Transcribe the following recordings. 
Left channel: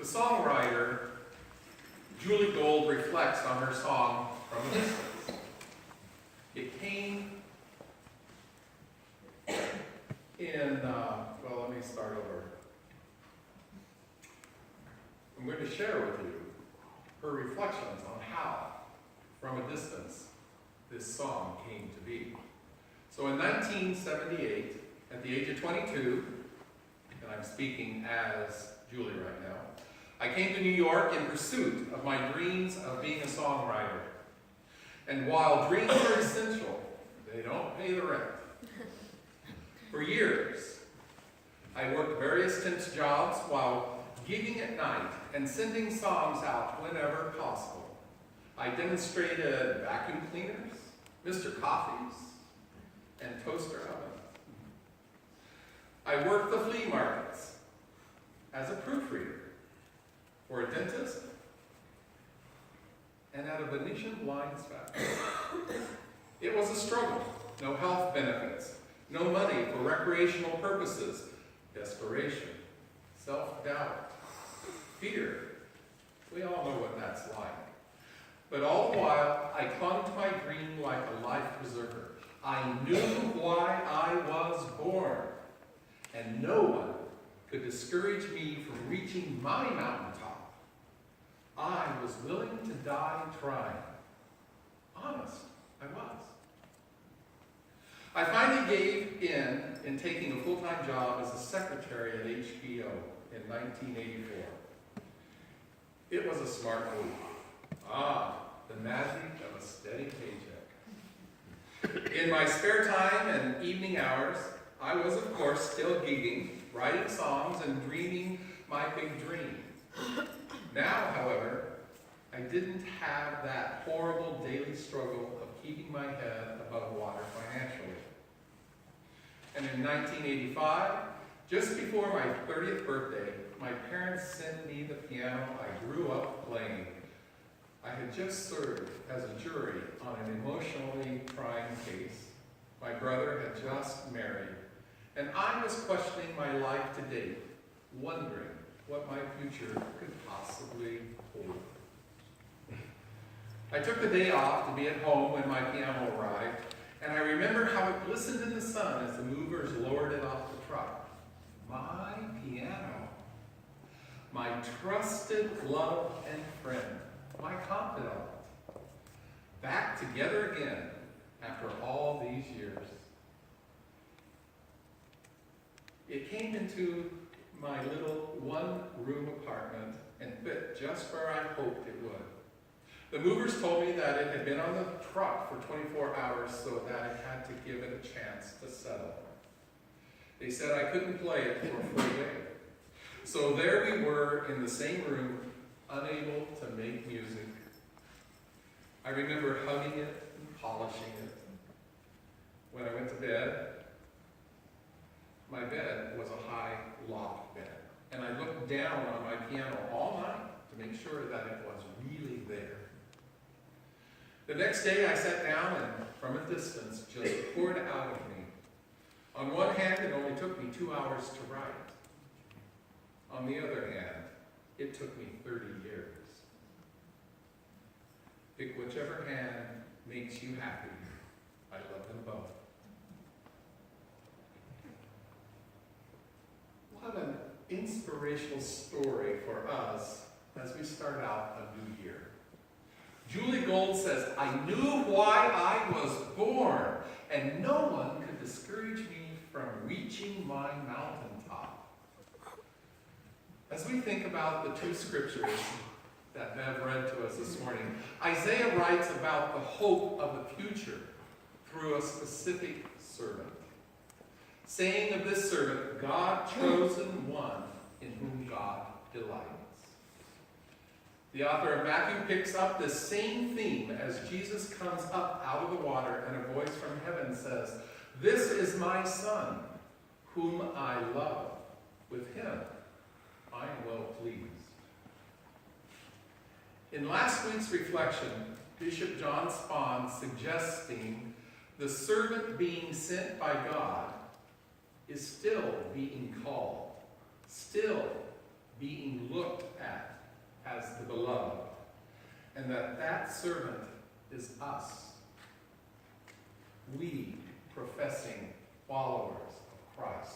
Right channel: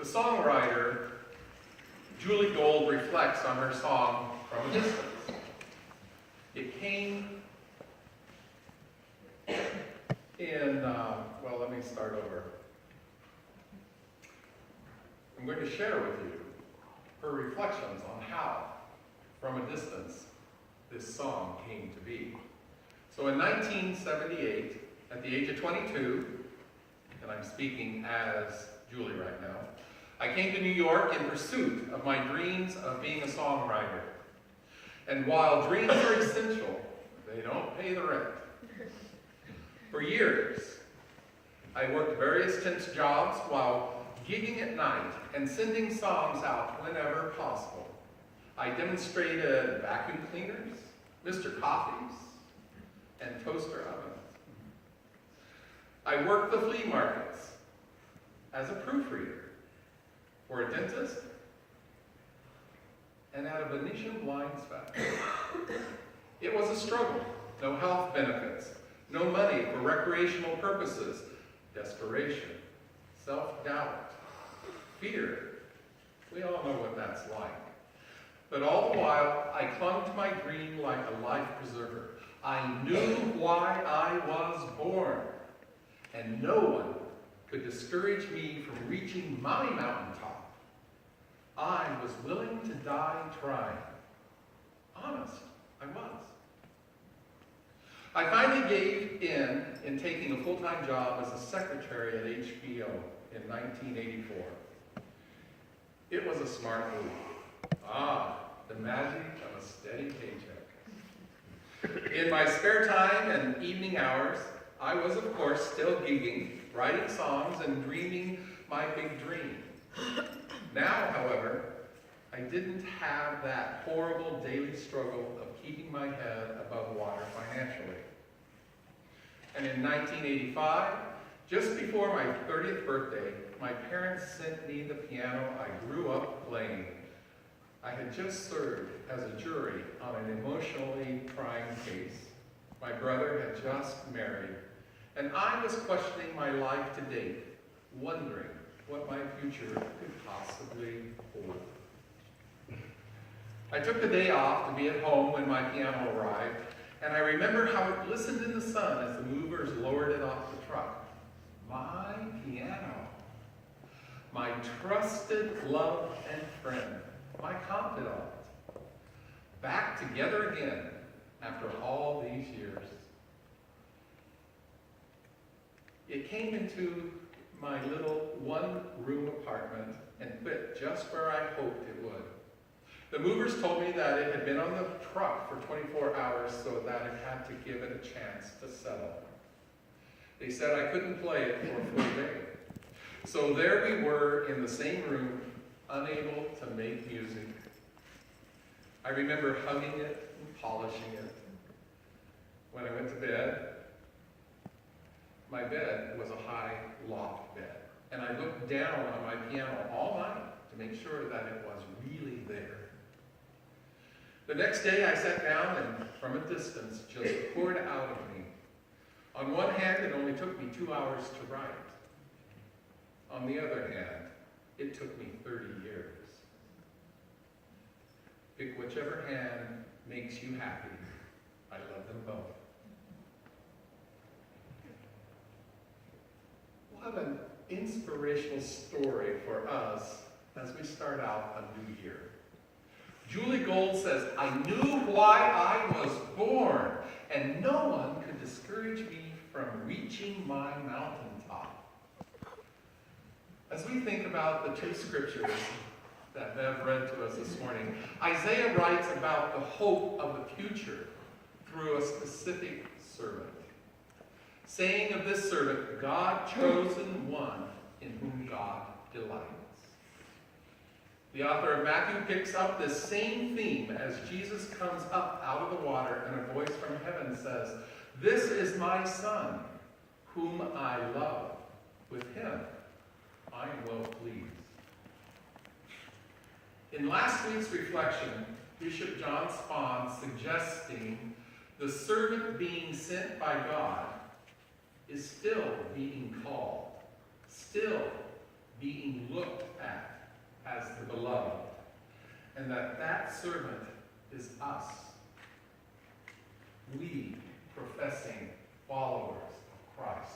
The songwriter, Julie Gold, reflects on her song From a Distance. It came in, let me start over. I'm going to share with you her reflections on how, from a distance, this song came to be. So in 1978, at the age of 22, and I'm speaking as Julie right now, I came to New York in pursuit of my dreams of being a songwriter. And while dreams are essential, they don't pay the rent. For years, I worked various tense jobs while gigging at night and sending songs out whenever possible. I demonstrated vacuum cleaners, Mr. Coffees, and toaster ovens. I worked the flea markets as a proofreader for a dentist and at a Venetian blinds factory. It was a struggle. No health benefits, no money for recreational purposes, desperation, self-doubt, fear. We all know what that's like. But all the while, I clung to my dream like a life preserver. I knew why I was born, and no one could discourage me from reaching my mountaintop. I was willing to die trying. Honest, I was. I finally gave in taking a full-time job as a secretary at HBO in 1984. It was a smart move. The magic of a steady paycheck. In my spare time and evening hours, I was, of course, still gigging, writing songs, and dreaming my big dream. Now, however, I didn't have that horrible daily struggle of keeping my head above water financially. And in 1985, just before my 30th birthday, my parents sent me the piano I grew up playing. I had just served as a jury on an emotionally trying case. My brother had just married, and I was questioning my life to date, wondering what my future could possibly hold. I took the day off to be at home when my piano arrived, and I remember how it glistened in the sun as the movers lowered it off the truck. My piano, my trusted love and friend, my confidant, back together again after all these years. It came into my little one-room apartment and fit just where I hoped it would. The movers told me that it had been on the truck for 24 hours, so that I had to give it a chance to settle. They said I couldn't play it for a full day. So there we were in the same room, unable to make music. I remember hugging it and polishing it. When I went to bed, my bed was a high loft bed, and I looked down on my piano all night to make sure that it was really there. The next day I sat down and, from a distance, just poured out of me. On one hand, it only took me 2 hours to write. On the other hand, it took me 30 years. Pick whichever hand makes you happy. I love them both. What an inspirational story for us as we start out a new year. Julie Gold says, I knew why I was born, and no one could discourage me from reaching my mountaintop. As we think about the two scriptures that Bev read to us this morning, Isaiah writes about the hope of the future through a specific servant, saying of this servant, God chosen one in whom God delights. The author of Matthew picks up the same theme as Jesus comes up out of the water and a voice from heaven says, This is my son, whom I love. With him I am well pleased. In last week's reflection, Bishop John Spahn suggesting the servant being sent by God is still being called, still being looked at as the beloved, and that servant is us, we professing followers of Christ.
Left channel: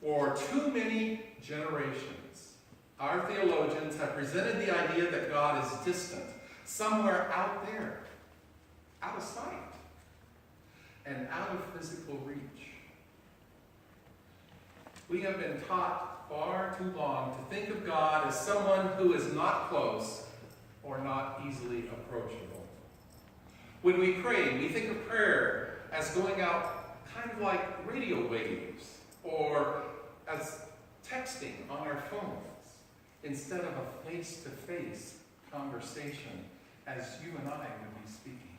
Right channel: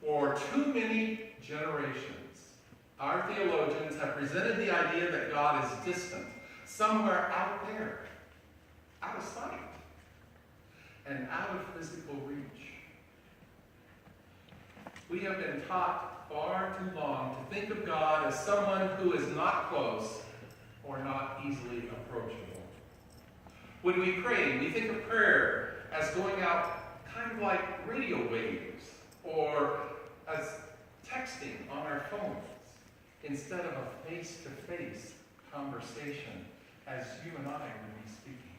For too many generations, our theologians have presented the idea that God is distant, somewhere out there, out of sight, and out of physical reach. We have been taught far too long to think of God as someone who is not close or not easily approachable. When we pray, we think of prayer as going out kind of like radio waves or as texting on our phones instead of a face-to-face conversation as you and I would be speaking.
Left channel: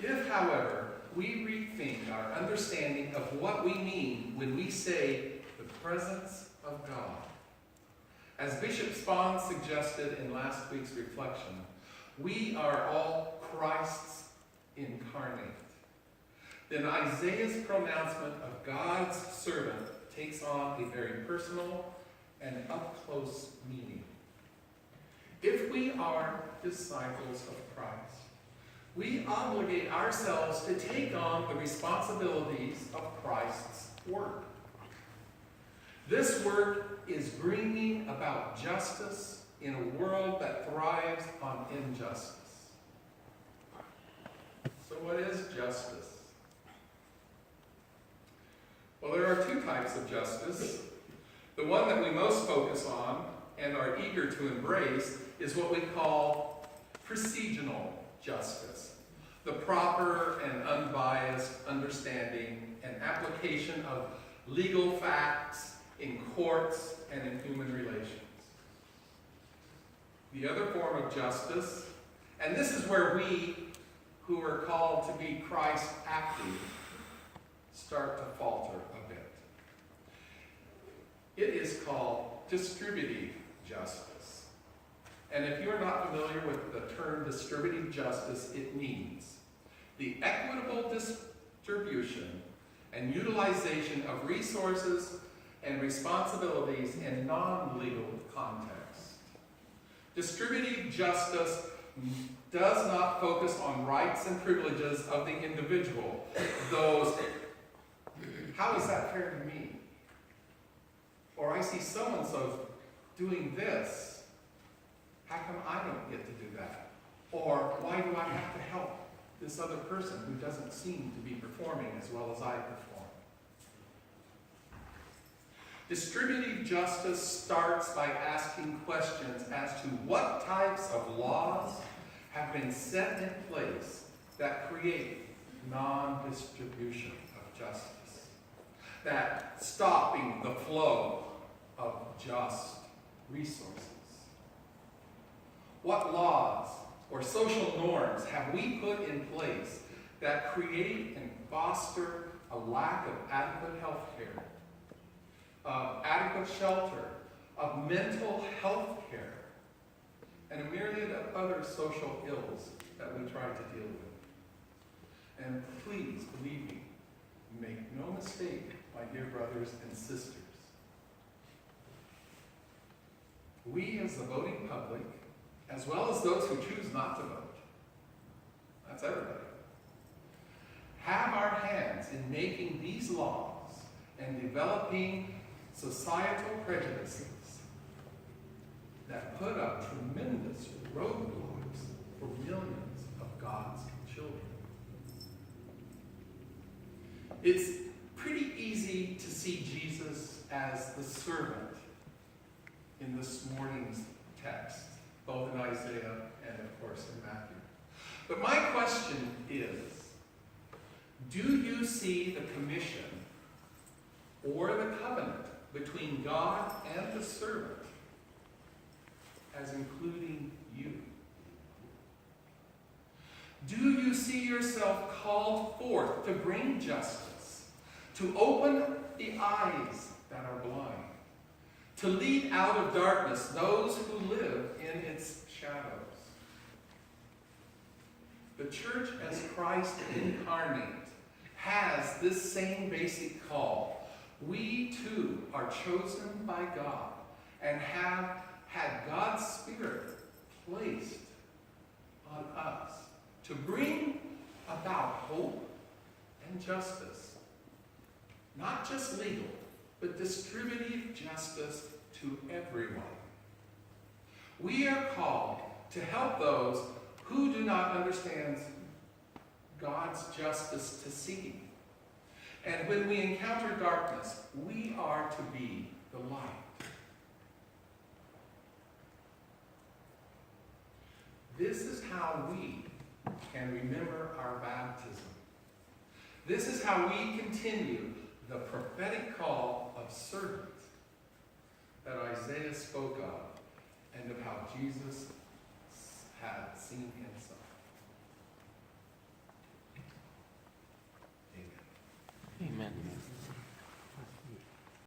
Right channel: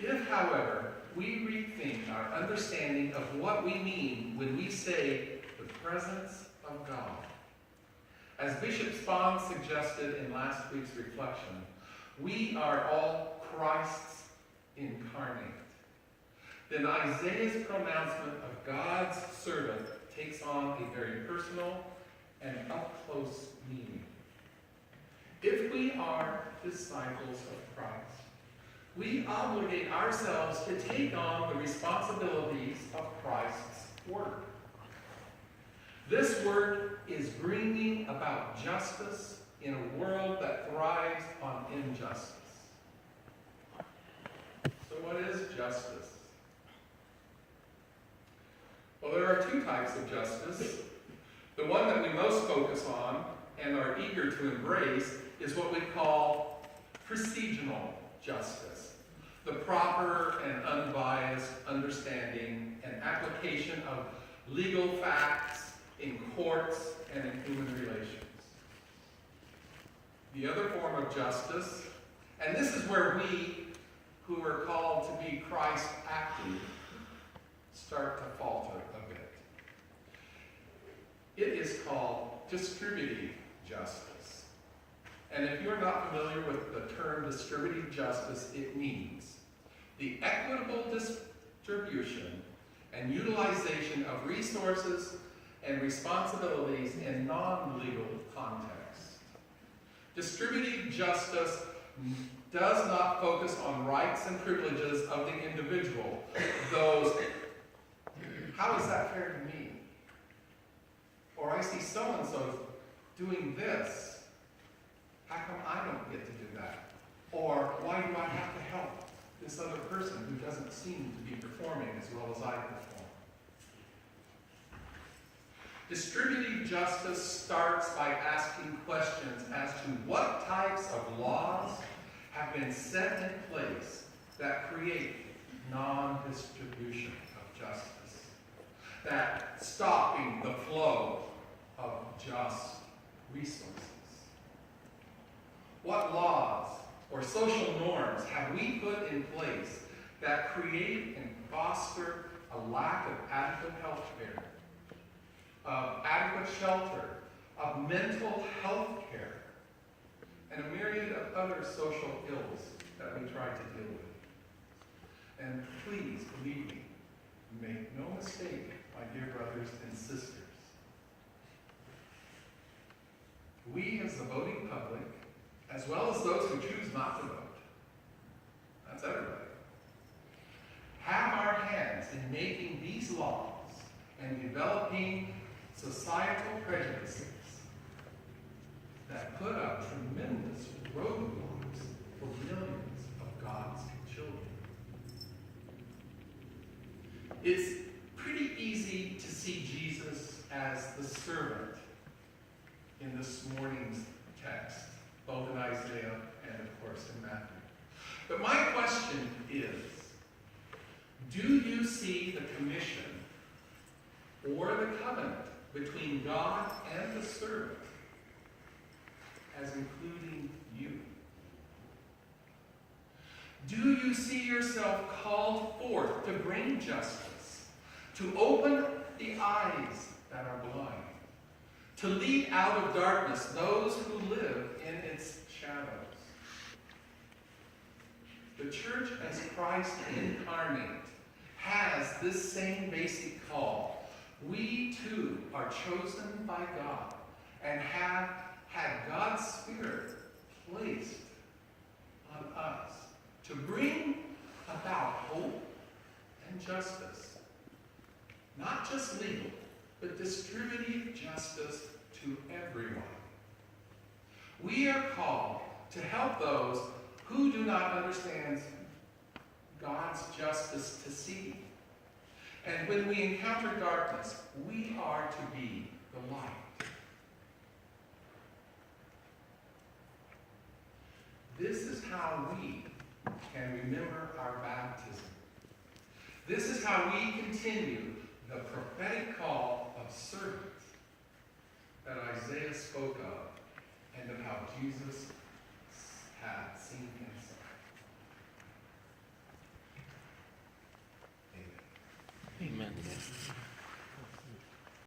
If, however, we rethink our understanding of what we mean when we say the presence of God, as Bishop Spahn suggested in last week's reflection, we are all Christ's incarnate. Then Isaiah's pronouncement of God's servant takes on a very personal and up-close meaning. If we are disciples of Christ, we obligate ourselves to take on the responsibilities of Christ's work. This work is bringing about justice in a world that thrives on injustice. So what is justice? Well, there are two types of justice. The one that we most focus on and are eager to embrace is what we call procedural justice, the proper and unbiased understanding and application of legal facts in courts and in human relations. The other form of justice, and this is where we, who are called to be Christ active, start to falter a bit. It is called distributive justice. And if you're not familiar with the term distributive justice, it means the equitable distribution and utilization of resources and responsibilities in non-legal contexts. Distributive justice does not focus on rights and privileges of the individual. Those, how is that fair to me? Or I see so-and-so doing this. How come I don't get to do that? Or why do I have to help this other person who doesn't seem to be performing as well as I perform? Distributive justice starts by asking questions as to what types of laws have been set in place that create non-distribution of justice, that stopping the flow of just resources. What laws or social norms have we put in place that create and foster a lack of adequate health care, of adequate shelter, of mental health care, and a myriad of other social ills that we try to deal with? And please, believe me, make no mistake, my dear brothers and sisters. We as the voting public, as well as those who choose not to vote, that's everybody, have our hands in making these laws and developing societal prejudices that put up tremendous roadblocks for millions of God's children. It's pretty easy to see Jesus as the servant in this morning's text, both in Isaiah and, of course, in Matthew. But my question is, do you see the commission or the covenant between God and the servant as including you? Do you see yourself called forth to bring justice, to open the eyes that are blind, to lead out of darkness those who live in its shadows? The church as Christ incarnate has this same basic call We too are chosen by God and have had God's Spirit placed on us to bring about hope and justice. Not just legal, but distributive justice to everyone. We are called to help those who do not understand God's justice to see. And when we encounter darkness, we are to be the light. This is how we can remember our baptism. This is how we continue the prophetic call of servants that Isaiah spoke of, and of how Jesus had seen himself. Amen. Amen.